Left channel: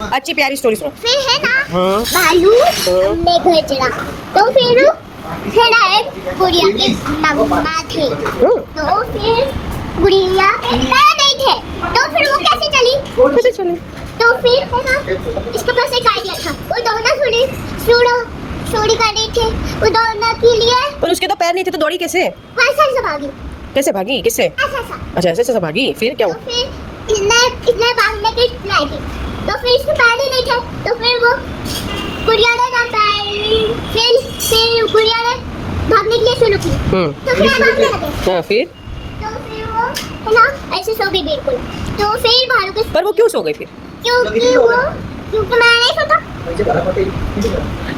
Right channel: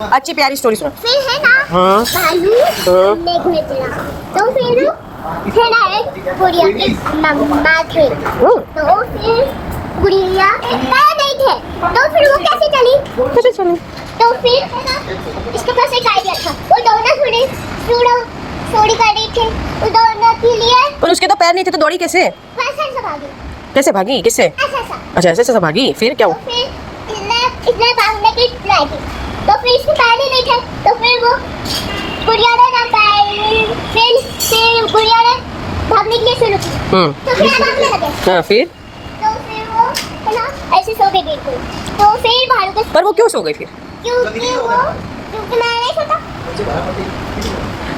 अच्छी प्यारी स्टोरी सुनो। फिर है ना हाँ। भालू ने घर चला, तो फिर है ना एक गुड़िया की माँ थे, तो फिर गुड़िया पैर नहीं थे, तो फिर वो कैसे चली? कैसे चले? तो फिर है ना इसके पास एक आइडिया था, वो दौड़ना चोरी कर रही थे, वो दौड़ने के लिए पर उसके तो पैर नहीं थे तो दौड़ी कैसे? ऐसा ऐसा भागी, कैसे भागी? किससे? ऐसा ऐसा। अच्छा ऐसे ऐसे भागी, फिर क्या तो हुआ? फिर इसने भागने की ट्राई की, तो फिर इसके पैर ही नहीं थे, तो फिर वो गुड़िया ने ना पैर फिर गुड़िया ने भागने के लिए शुरू की, तो फिर भागने लगे। हाँ फिर? तो फिर वो है ना ऐसे सो गई बिल्कुल, तो फिर भालू के पर वो क्यों सो गई फिर? क्योंकि मैं नहीं सोता।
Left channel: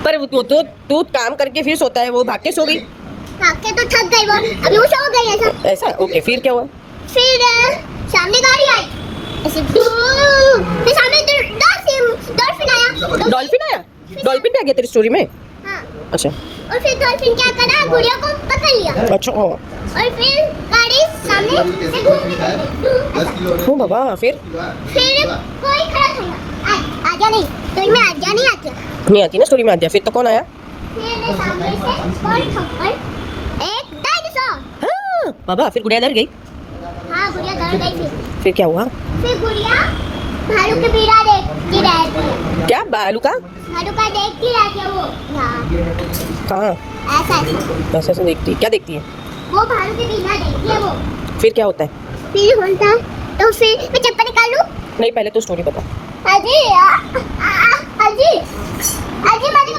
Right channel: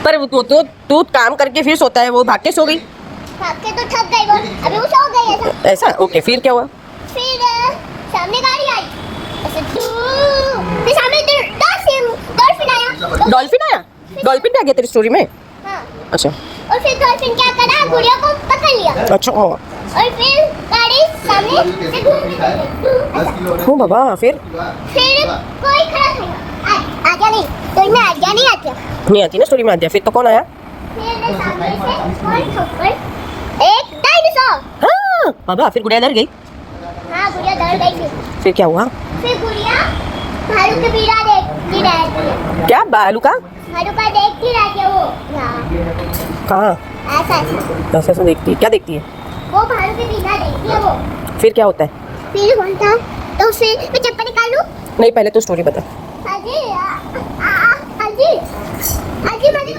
पर वो तो तू काम करके फिर सोता है, वो भाग के सो गई। भाग के तो थक गई वो, अभी वो सो गई ऐसा। ऐसा? ओके फिर क्या हुआ? फिर सामने गाड़ी आई ऐसे, फिर सामने डॉल्फिन आया। डॉल्फिन आया? डॉल्फिन भी आ गया तेरी स्टोरी में? हाँ, अच्छा और फिर डॉल्फिन क्या करा, गुड़िया को पकड़ लिया, अच्छा। और फिर गाड़ी सामने से घूमने लगी। हो बाबा फिर? फिर कोई खड़ा था, आ गया नहीं, तो मैं आ गया नहीं आती। नहीं आती ना स्टोरी में, आ गया फिर तो कौन आया? फिर सामने से कोई ठोकर एक डायनासोर। हाँ बाबा फिर गुड़िया डर गई। हाँ, गुड़िया डर गई थी। फिर क्या हुआ? फिर गुड़िया भालू के पीछा देखती रहती है, क्या भालू का? भालू का देखती रहती है वो यहाँ कहाँ? ऐसा ऐसे ऐसे देखती है? क्या देखती है? वो भालू के पीछा देखती है वो। फिर क्या होता है? फिर होता तो फिर मैं चप्पल निकालूं? नहीं पहले तो स्टोरी बता। अजी अजी अजी मैंने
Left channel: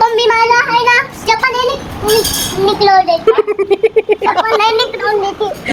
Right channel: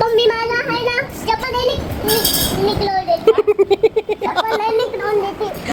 मम्मी मारा है ना, चप्पल नहीं निकलो देती, चप्पल नहीं निकलो देती।